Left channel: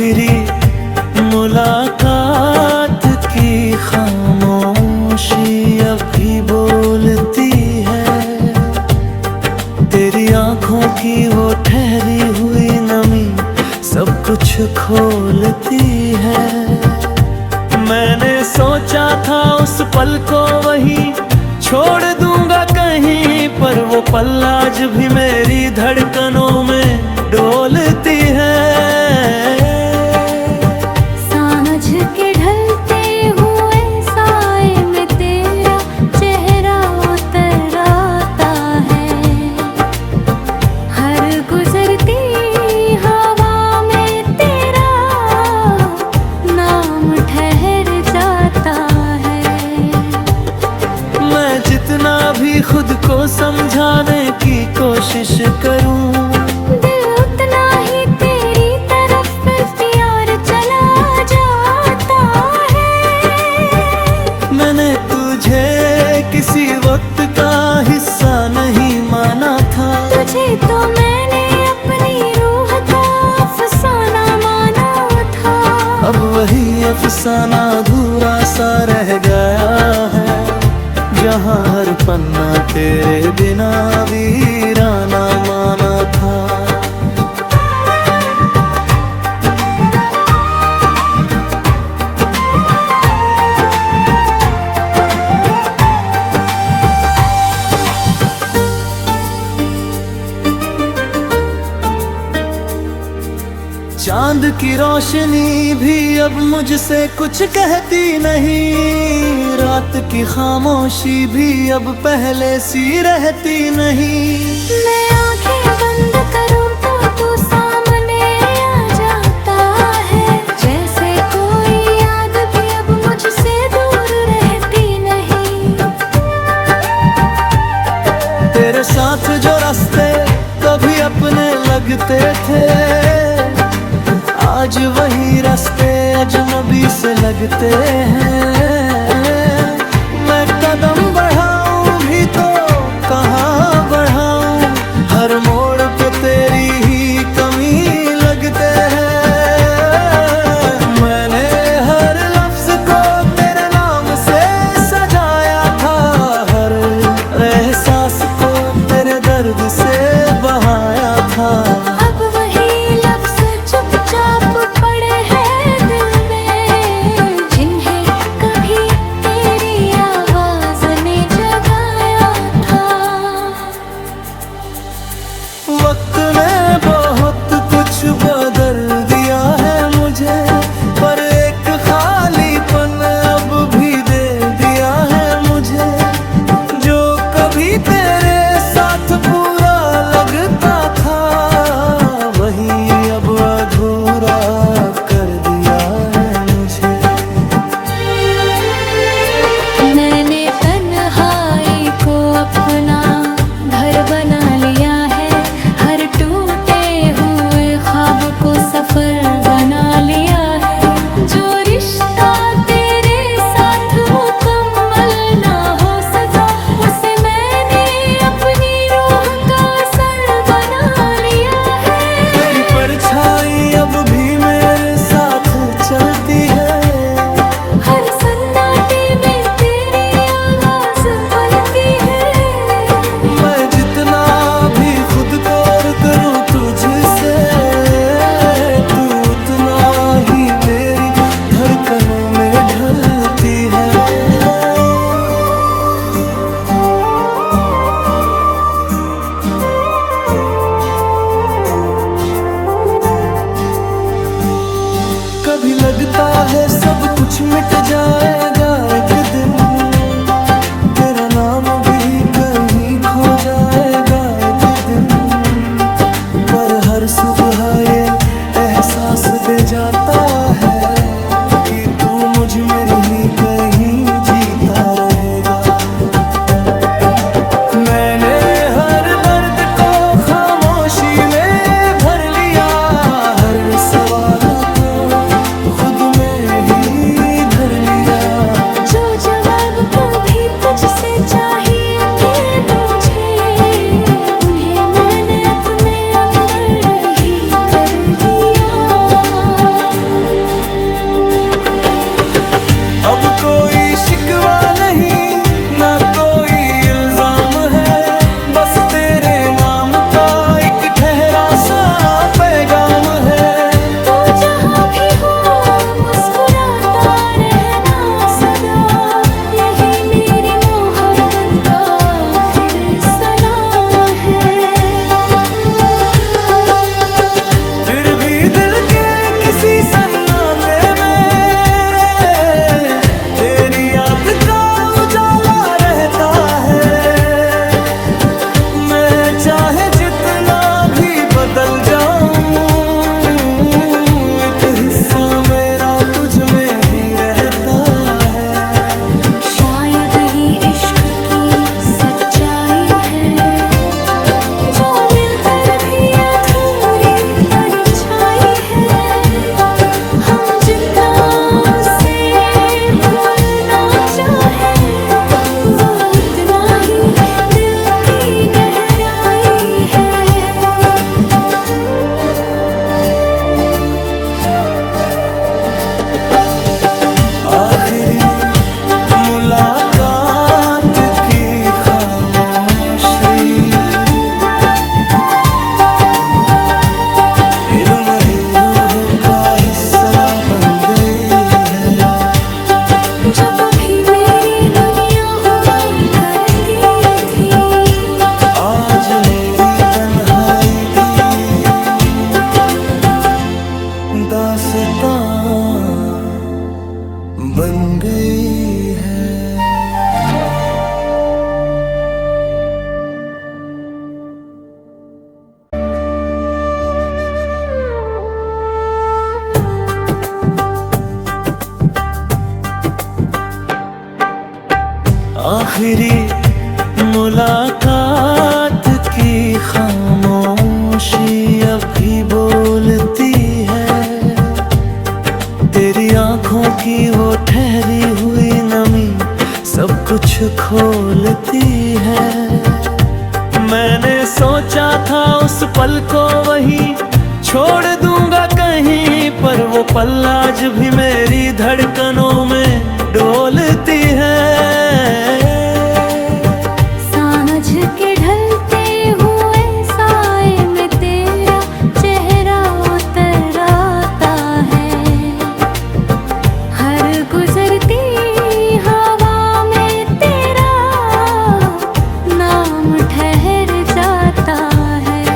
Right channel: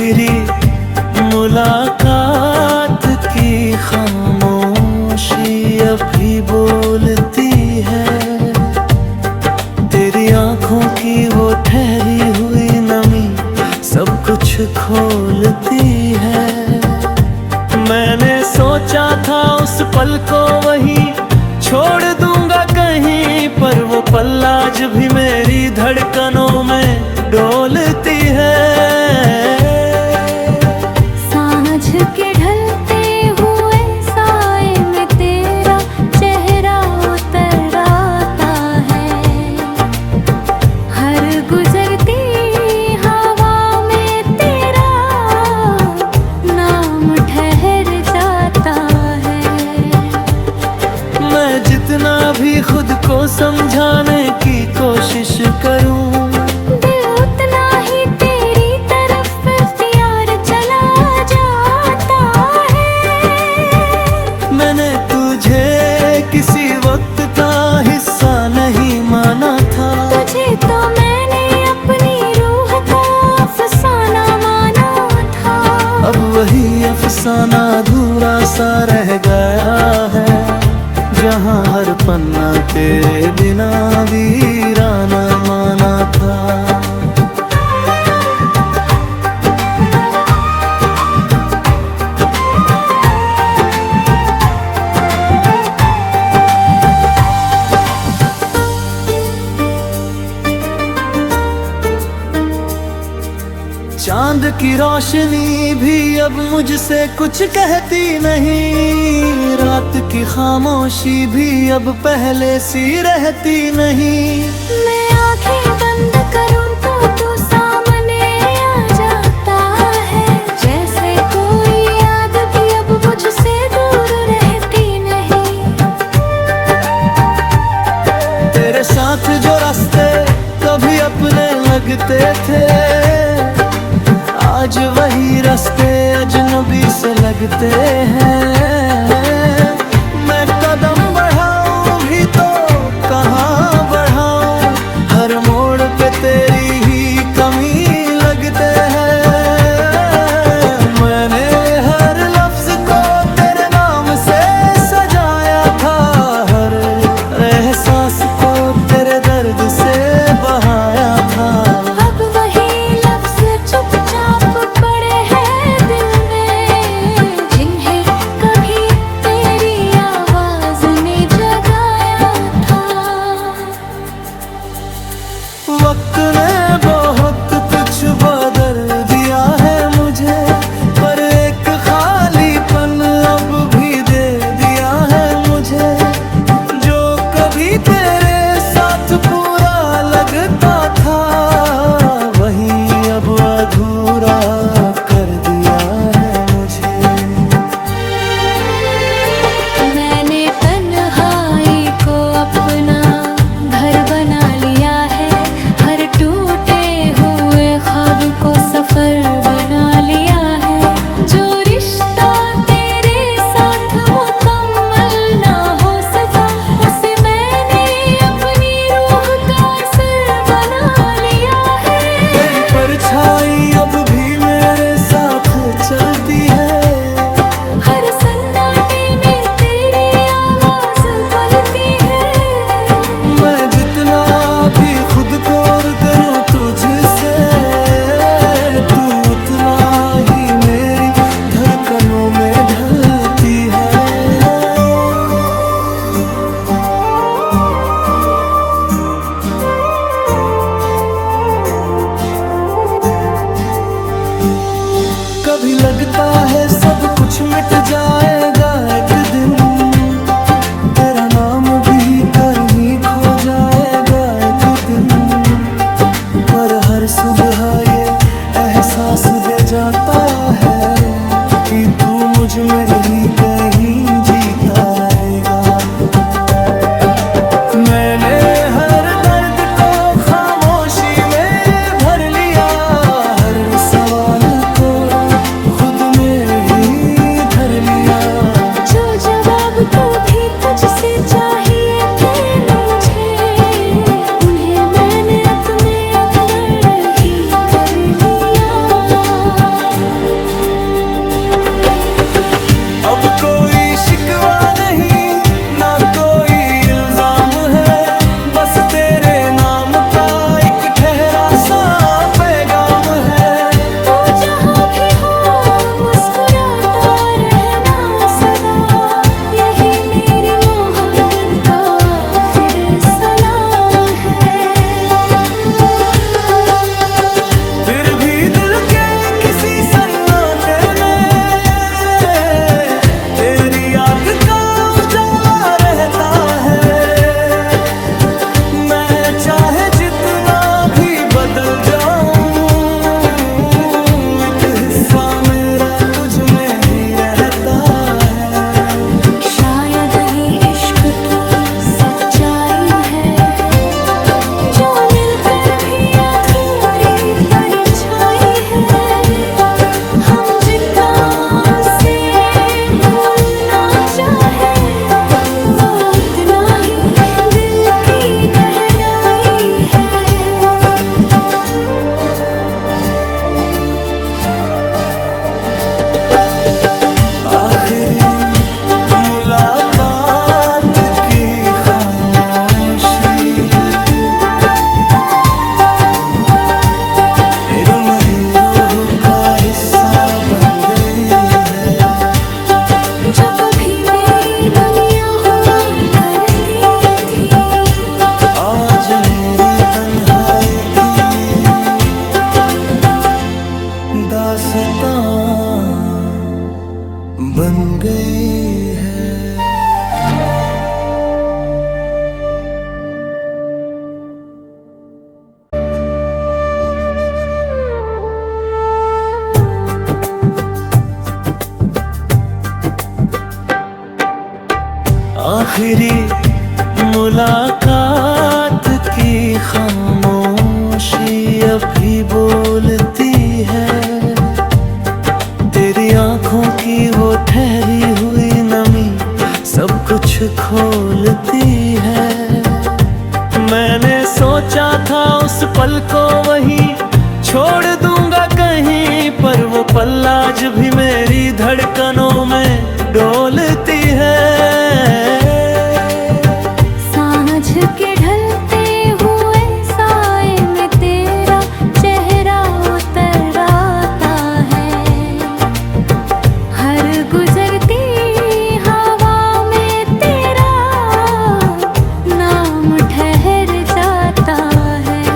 आखिरी मुलाकात की खामोशी अब भी बोलती है। तेरी आंखों की वो ठहरी हुई नमी सब कुछ खोलती है। मैंने सोचा था उस पल को वहीं छोड़ दूंगा कहीं, पर वो पल आज भी मेरी धड़कनों में डोलती है। सांझ के ढलते हुए साए में तेरा चेहरा उतर आता है। हर गुजरती हवा में तेरा नाम ठहर जाता है। मैं जितना भी खुद को समझाने की कोशिश करूं, दिल उतना ही तेरी तरफ प्यार चला जाता है। मैंने तुझे किसी वक्त का हिस्सा नहीं माना था। तुझे तो मैंने अपनी रूह का अफसाना माना था। अब वही अफसाना अधूरा सा रह गया है, जहाँ हर पन्ना तेरे बिना वीराना माना था। चांद की रोशनी भी अब मुझसे कुछ कहती नहीं। रात की खामोशी भी अब पहले सी रहती नहीं। मैं आंखें बंद करूं तो तू सामने आ जाता है। जैसे कोई याद भी अब मुझसे दूर रहती नहीं। तेरे साथ जो रास्ते कभी अपने लगते थे, आज वही रास्ते अजनबी से लगते हैं। मैं कदम बढ़ाऊं भी तो कहाँ बढ़ाऊं, हर मोड़ पे तेरी ही कमी लगते हैं। मैंने हर लफ्ज को तेरे नाम से सजाया था, हर एहसास को तेरे दर्द से बहाया था। अब वही लफ्ज चुपचाप पड़े हैं दिल में, जिन्हें कभी तेरी आवाज ने जगाया था। वक्त ने बहुत कुछ बदल दिया है मुझे, पर एक खालीपन अब भी दे दिया है मुझे। जो कभी तेरे साथ पूरा लगता था, वही अब अधूरा कर दिया है मुझे। मैंने तन्हाई को अपना घर बना लिया है। हर टूटे हुए ख्वाब को सफर बना लिया है। जो रिश्ता तेरे साथ मुकम्मल ना हो सका, उसे मैंने अपनी रूह का असर बना लिया है। तेरी परछाई अब भी मेरे साथ चलती है। हर सन्नाटे में तेरी आवाज पलती है। मैं जितना भी खुद को और करूं तुझसे, तू उतना ही मेरी धड़कनों में ढलती है। कभी लगता है सब कुछ मिट जाएगा एक दिन, तेरा नाम भी कहीं खो जाएगा एक दिन। पर हर सुबह ये एहसास दे जाता है कि तू मुझ में ही कहीं जीता रहेगा। मैंने हर दर्द को खामोशी में भर लिया, हर सवाल को खुद में ही धर लिया। जो जवाब कभी तुझसे चाहिए थे मुझे, उन्हें मैंने अपने अंदर ही कर लिया। शिकवा नहीं ना कोई इल्जाम है, बस तेरे नाम का एक ठहरा सा पैगाम है। तू जहाँ भी हो मुस्कुराता रहना सदा, यही मेरी मोहब्बत का फिर सलाम है। फिर भी दिल के किसी सन्नाटे में तेरी याद का उजाला रहता है। मैं चाहे जितना भी बदल जाऊं, एक हिस्सा मेरा तुझ में ही रहता है। शायद ही इश्क की सच्चाई है, जो मिलकर भी अधूरी परछाई है। हम जितना उसे भूलना चाहे, वो उतना ही दिल की गहराई है। आखिरी मुलाकात की खामोशी इल्म ही रूह का हिस्सा बन गई है। जो कभी मेरी दुनिया हुआ करती थी, आज मेरी तन्हाई की दास्तां बन गई है। आखिरी मुलाकात की खामोशी अब भी बोलती है। तेरी आंखों की वो ठहरी हुई नमी सब कुछ खोलती है। मैंने सोचा था उस पल को वहीं छोड़ दूंगा कहीं, पर वो पल आज भी मेरी धड़कनों में डोलती है। सांझ के ढलते हुए साए में तेरा चेहरा उतर आता है। हर गुजरती हवा में तेरा नाम ठहर जाता है।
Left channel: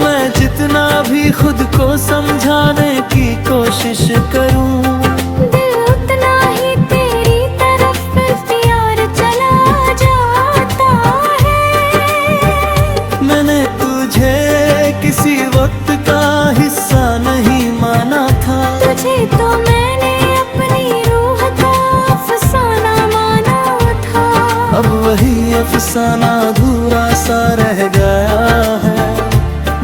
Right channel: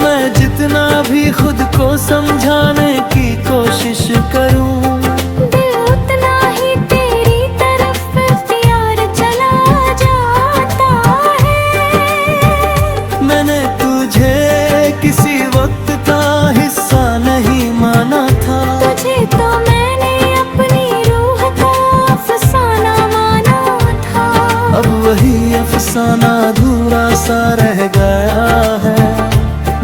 मैं जितना भी खुद को समझाने की कोशिश करूं, दिल उतना ही तेरी तरफ प्यार चला जाता है। मैंने तुझे किसी वक्त का हिस्सा नहीं माना था, तुझे तो मैंने अपनी रूह का अफसाना माना था। अब वही अफसाना अधूरा सा रह गया है,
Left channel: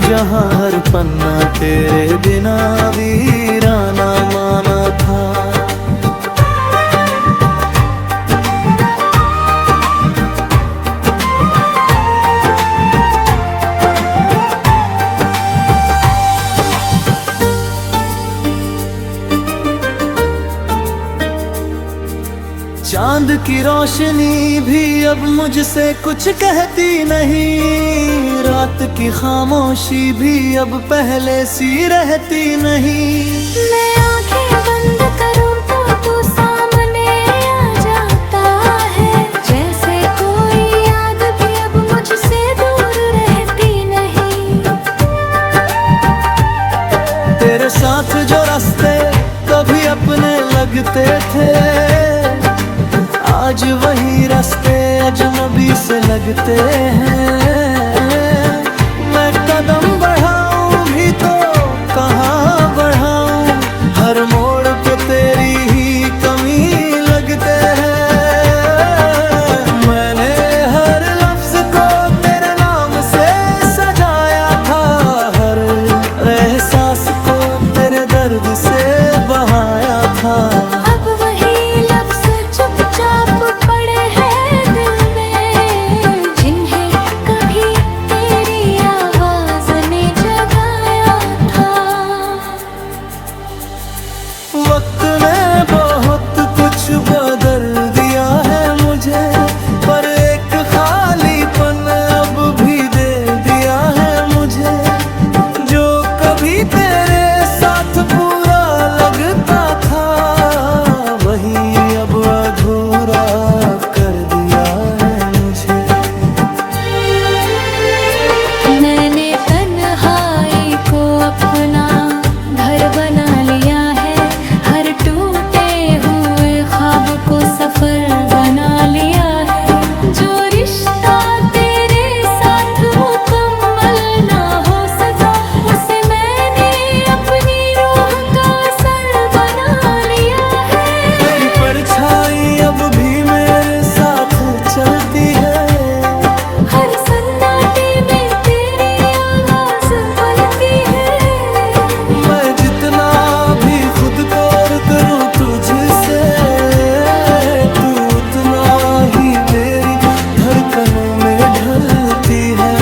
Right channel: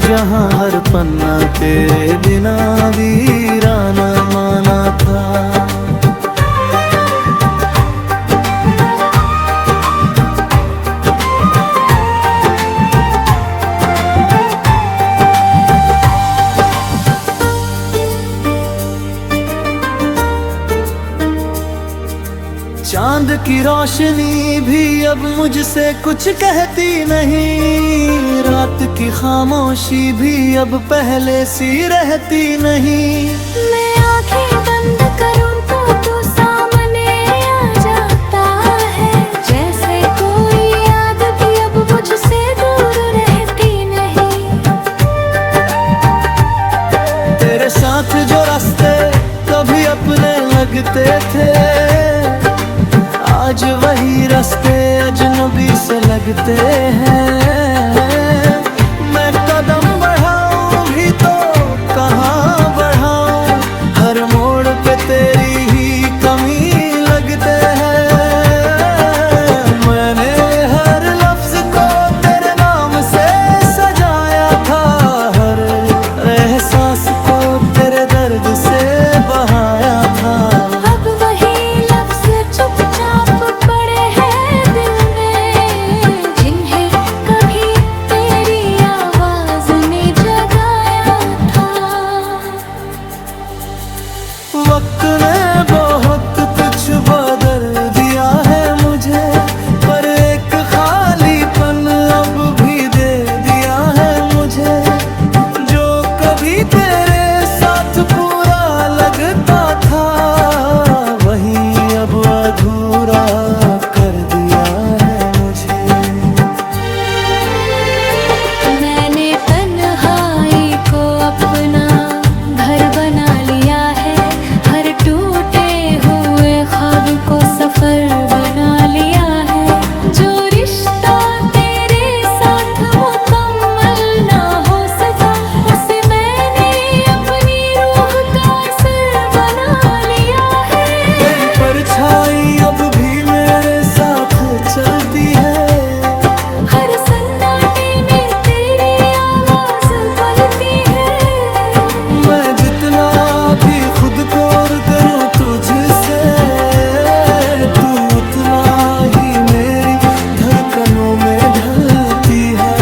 जहाँ हर पन्ना तेरे बिना वीराना माना था। चांद की रोशनी भी अब मुझसे कुछ कहती नहीं, रात की खामोशी भी अब पहले सी रहती नहीं। मैं आंखें बंद करूं तो तू सामने आ जाता है, जैसे कोई याद भी अब मुझसे दूर रहती नहीं। तेरे साथ जो रास्ते कभी अपने लगते थे, आज वही रास्ते अजनबी से लगते हैं। मैं कदम बढ़ाऊं भी तो कहाँ बढ़ाऊं, हर मोड़ पे तेरी ही कमी लगते हैं। मैंने हर लफ्ज को तेरे नाम से सजाया था, हर एहसास को तेरे दर्द से बहाया था। अब वही लफ्ज चुपचाप पड़े हैं दिल में, जिन्हें कभी तेरी आवाज ने जगाया था। वक्त ने बहुत कुछ बदल दिया है मुझे, पर एक खालीपन अब भी दे दिया है मुझे। जो कभी तेरे साथ पूरा लगता था, वही अब अधूरा कर दिया है मुझे। मैंने तन्हाई को अपना घर बना लिया है, हर टूटे हुए ख्वाब को सफर बना लिया है। जो रिश्ता तेरे साथ मुकम्मल ना हो सका, उसे मैंने अपनी रूह का असर बना लिया है। तेरी परछाई अब भी मेरे साथ चलती है, हर सन्नाटे में तेरी आवाज पलती है। मैं जितना भी खुद को और करूं तुझसे, तू उतना ही मेरी धड़कनों में ढलती है।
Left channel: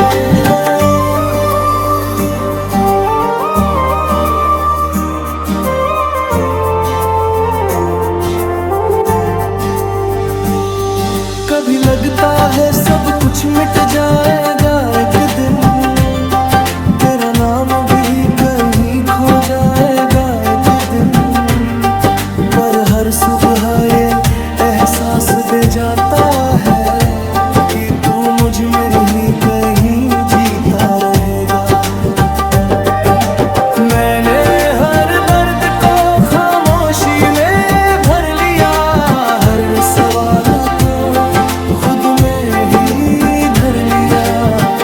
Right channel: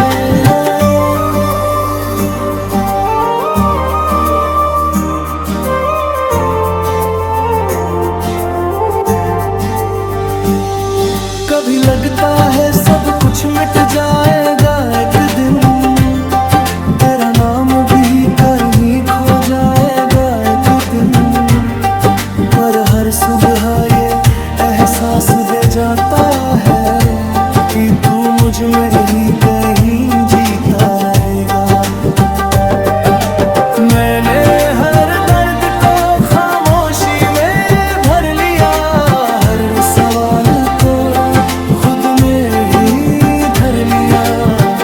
कभी लगता है सब कुछ मिट जाएगा एक दिन, तेरा नाम भी कहीं खो जाएगा एक दिन। पर हर सुबह ये एहसास दे जाता है कि तू मुझ में ही कहीं जीता रहेगा। मैंने हर दर्द को खामोशी में भर लिया, हर सवाल को खुद में ही धर लिया।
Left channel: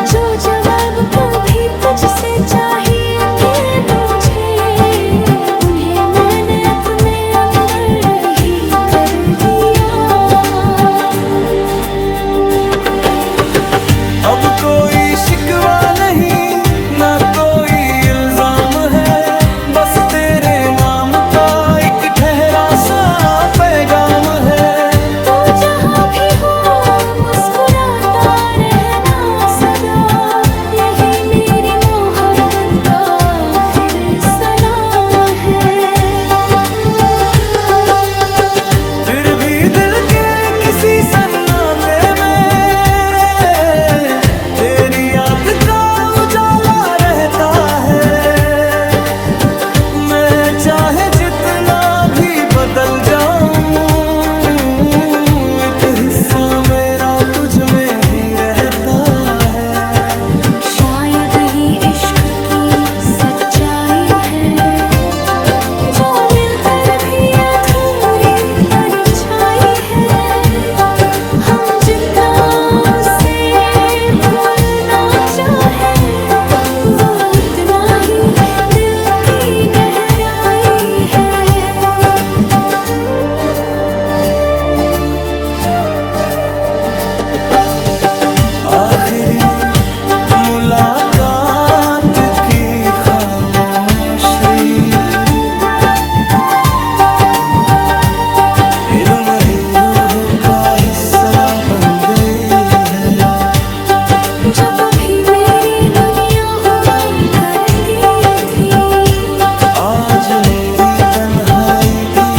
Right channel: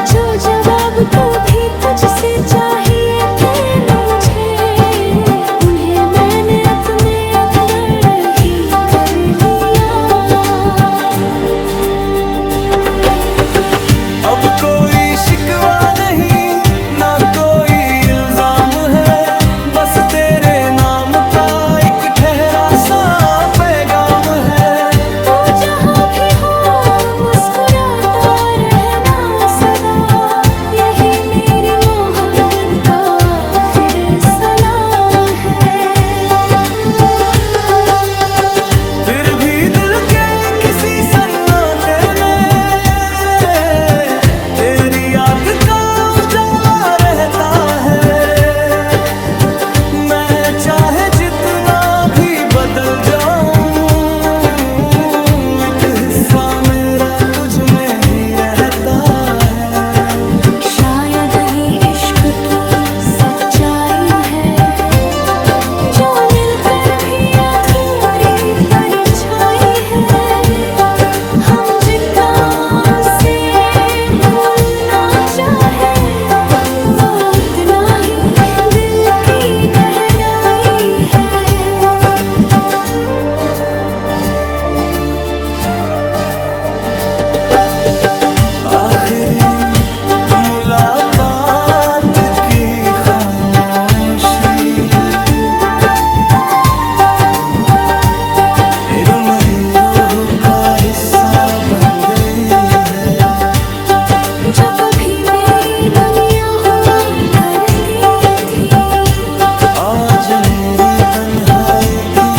जो जवाब कभी तुझसे चाहिए थे मुझे, उन्हें मैंने अपने अंदर ही कर लिया। अब कोई शिकवा नहीं, ना कोई इल्जाम है, बस तेरे नाम का एक ठहरा सा पैगाम है। तू जहाँ भी हो मुस्कुराता रहना सदा, यही मेरी मोहब्बत का फिर सलाम है। फिर भी दिल के किसी सन्नाटे में तेरी याद का उजाला रहता है। मैं चाहे जितना भी बदल जाऊं, एक हिस्सा मेरा तुझ में ही रहता है। शायद ही इश्क की सच्चाई है, जो मिलकर भी अधूरी परछाई है। हम जितना उसे भूलना चाहे, वो उतना ही दिल की गहराई है। आखिरी मुलाकात की खामोशी फिर मेरी रूह का हिस्सा बन गई है। जो कभी मेरी दुनिया हुआ करती थी, आज मेरी तन्हाई की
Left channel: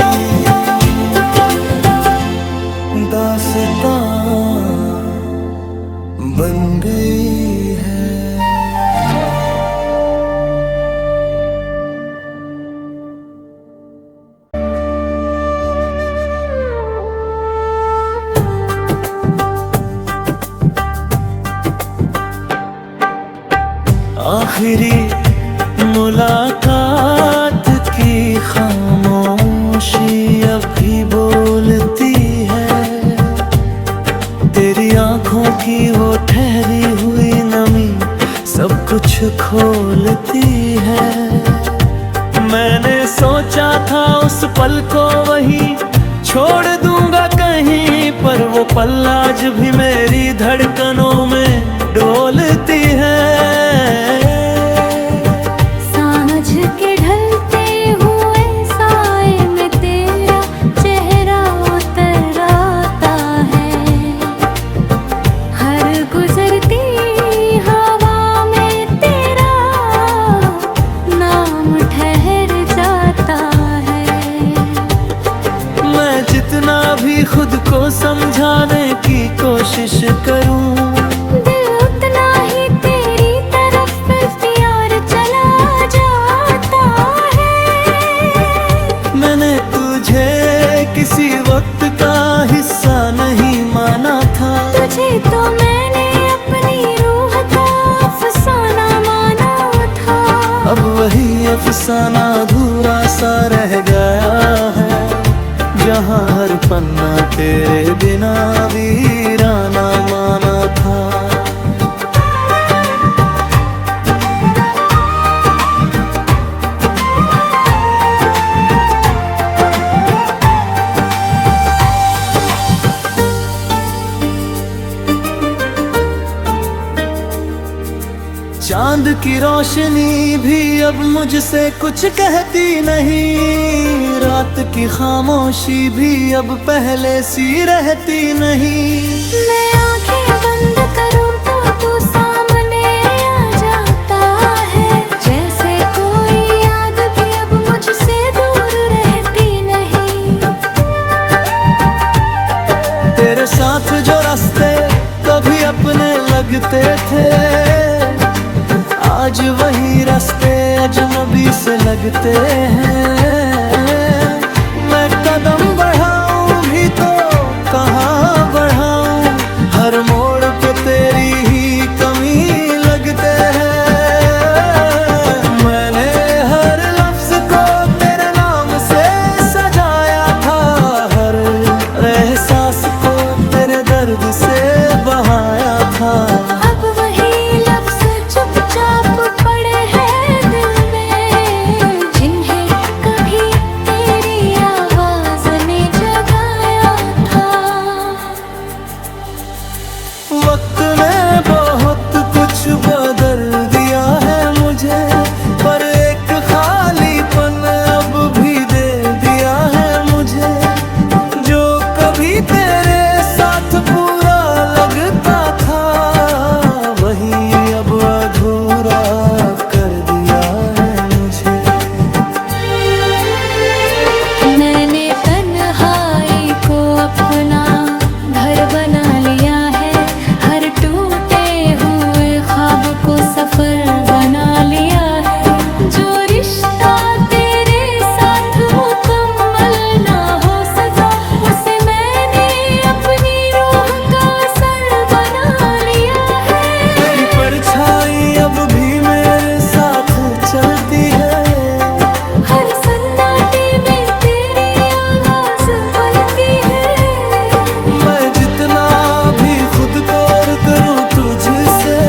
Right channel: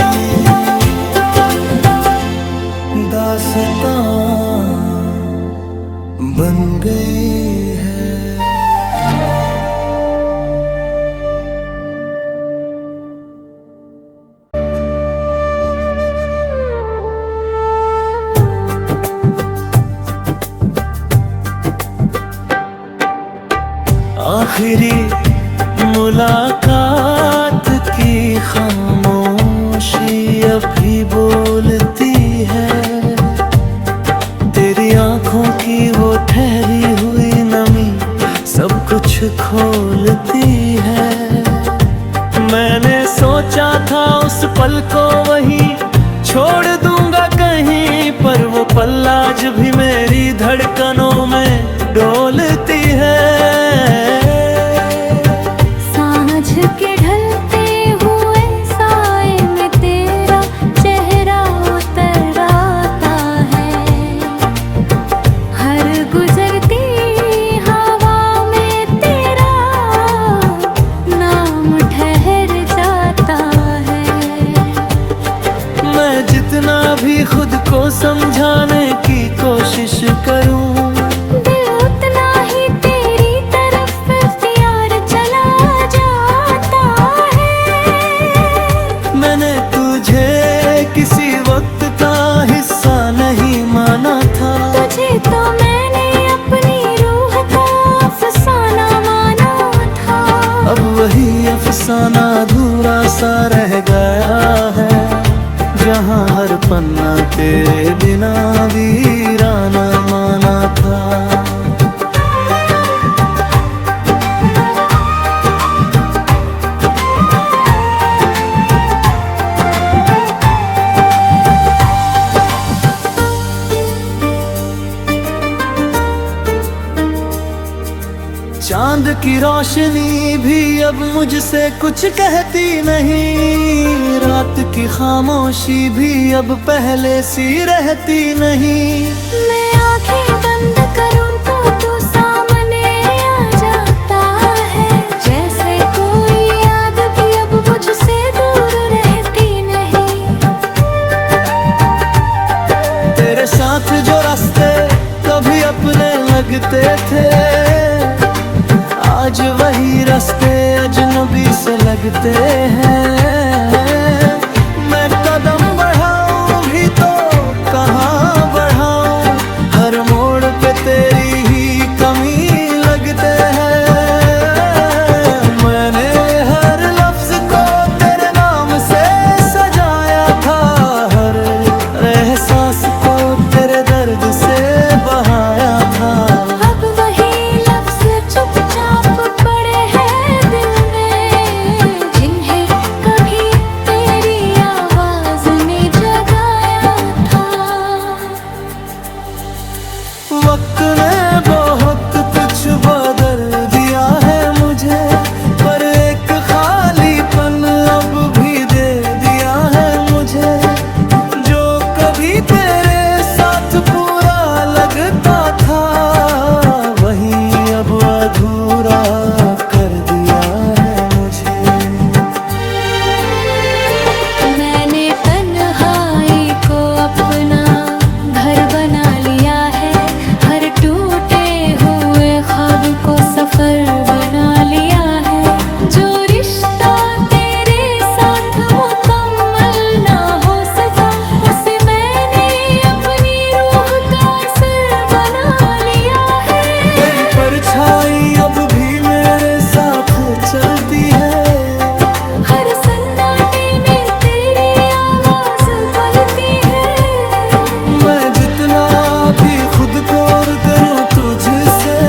दास्तां बन गई है। आखिरी मुलाकात की खामोशी अभी बोलती है, तेरी आंखों की वो ठहरी हुई नमी सब कुछ खोलती है। मैंने सोचा था उस पल को वहीं छोड़ दूंगा कहीं, पर वो पल आज भी मेरी धड़कनों में डोलती है। सांझ के ढलते हुए साए में तेरा चेहरा उतर आता है, हर गुजरती हवा में तेरा नाम ठहर जाता है। मैं जितना भी भी खुद को समझाने की कोशिश करूं, दिल उतना ही तेरी तरफ प्यार चला जाता है। मैंने तुझे किसी वक्त का हिस्सा नहीं माना था, तुझे तो मैंने अपनी रूह का अफसाना माना था। अब वही अफसाना अधूरा सा रह गया है, जहाँ हर पन्ना तेरे बिना वीराना माना था। चांद की रोशनी भी अब मुझसे कुछ कहती नहीं, रात की खामोशी भी अब पहले सी रहती नहीं। मैं आंखें बंद करूं तो तू सामने आ जाता है, जैसे कोई याद भी अब मुझसे दूर रहती नहीं। तेरे साथ जो रास्ते कभी अपने लगते थे, आज वही रास्ते अजनबी से लगते हैं। मैं कदम बढ़ाऊं भी तो कहाँ बढ़ाऊं, हर मोड़ पे तेरी ही कमी लगते हैं। मैंने हर लफ्ज को तेरे नाम से सजाया था, हर एहसास को तेरे दर्द से बहाया था। अब वही लफ्ज चुपचाप पड़े हैं दिल में, जिन्हें कभी तेरी आवाज ने जगाया था। वक्त ने बहुत कुछ बदल दिया है मुझे, पर एक खालीपन अब भी दे दिया है मुझे। जो कभी तेरे साथ पूरा लगता था, वही अब अधूरा कर दिया है मुझे। मैंने तन्हाई को अपना घर बना लिया है, हर टूटे हुए ख्वाब को सफर बना लिया है। जो रिश्ता तेरे साथ मुकम्मल ना हो सका, उसे मैंने अपनी रूह का असर बना लिया है। तेरी परछाई अब भी मेरे साथ चलती है, हर सन्नाटे में तेरी आवाज पलती है। मैं जितना भी खुद को और करूं तुझसे,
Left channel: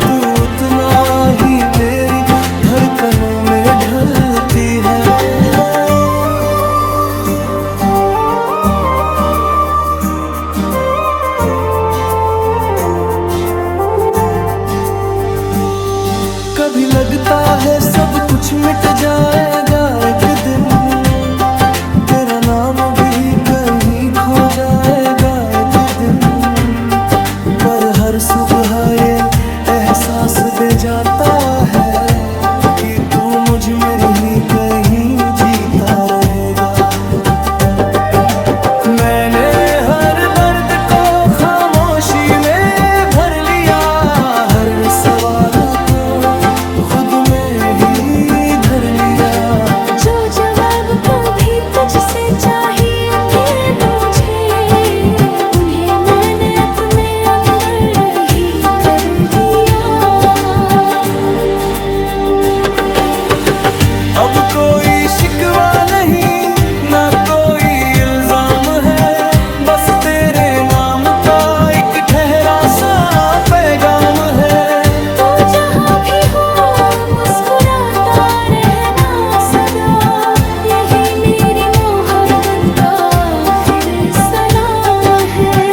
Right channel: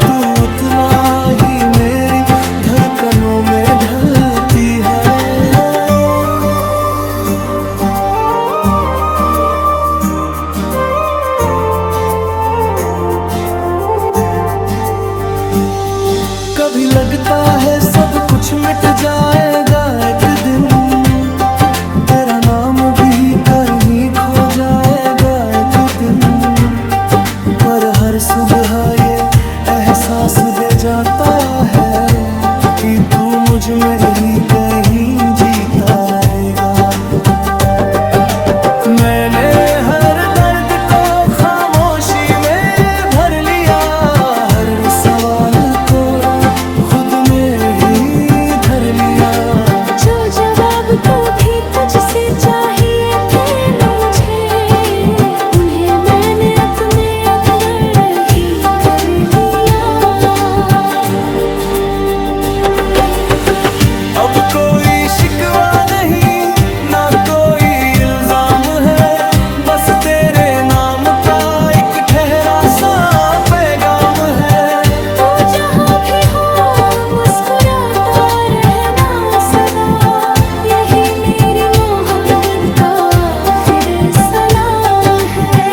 तू उतना ही मेरी धड़कनों में ढलती है। कभी लगता है सब कुछ मिट जाएगा एक दिन, तेरा नाम भी कहीं खो जाएगा एक दिन। पर हर सुबह ये एहसास दे जाता है कि तू मुझ में ही कहीं जीता रहेगा। मैंने हर दर्द को खामोशी में भर लिया, हर सवाल को खुद में ही धर लिया। जो जवाब कभी तुझसे चाहिए थे मुझे, उन्हें मैंने अपने अंदर ही कर लिया। अब कोई शिकवा नहीं, ना कोई इल्जाम है, बस तेरे नाम का एक ठहरा सा पैगाम है। तू जहाँ भी हो मुस्कुराता रहना सदा, यही मेरी मोहब्बत का फिर सलाम है।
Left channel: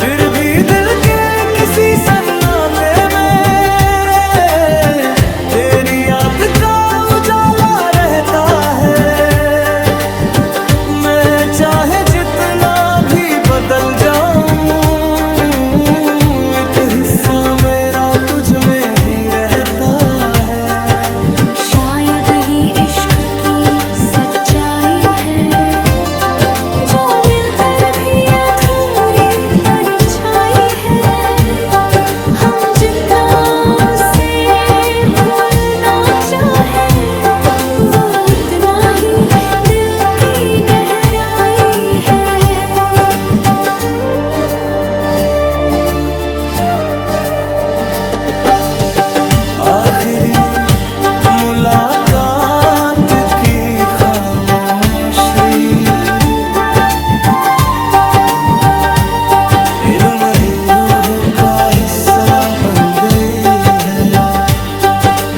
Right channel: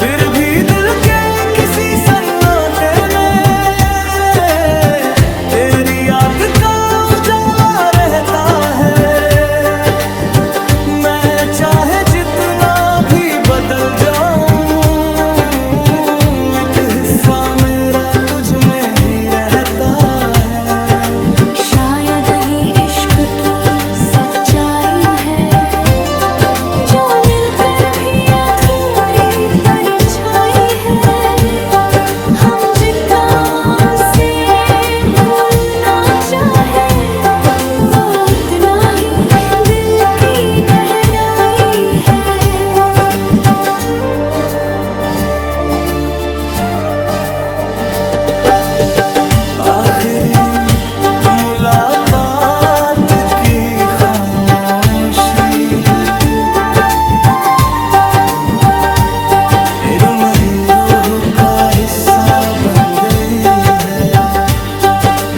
फिर भी दिल के किसी सन्नाटे में तेरी याद का उजाला रहता है। मैं चाहे जितना भी बदल जाऊं, एक हिस्सा मेरा तुझ में ही रहता है। शायद ही इश्क की सच्चाई हिस्सा बन गई है,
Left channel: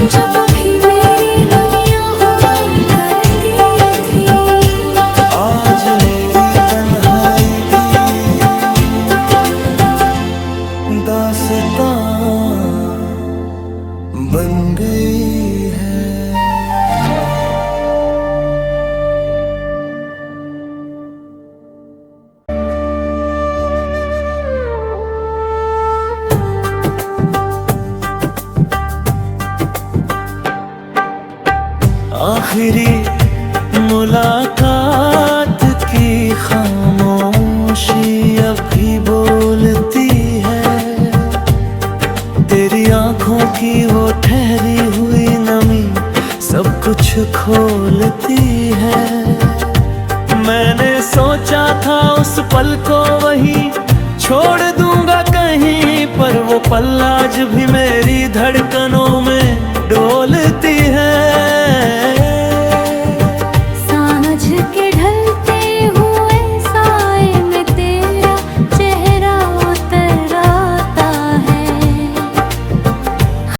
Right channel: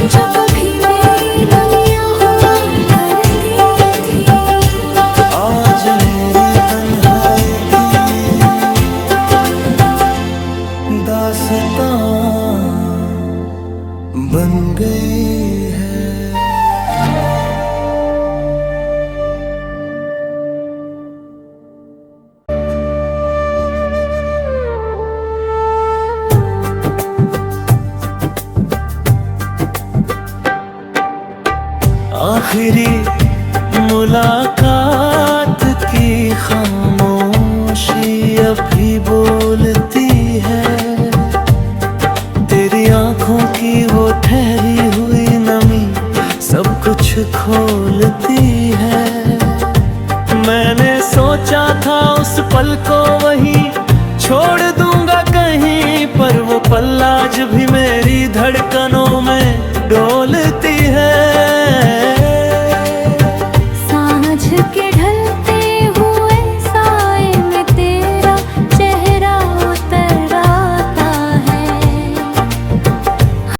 जो कभी मेरी दुनिया हुआ करती थी, आज मेरी तन्हाई की दास्तां बन गई है। आखिरी मुलाकात की खामोशी अब भी बोलती है, तेरी आंखों की वो ठहरी हुई नमी सब कुछ खोलती है। मैंने सोचा था उस पल को वहीं छोड़ दूंगा कहीं, पर वो पल आज भी मेरी धड़कनों में डोलती है। सांझ के ढलते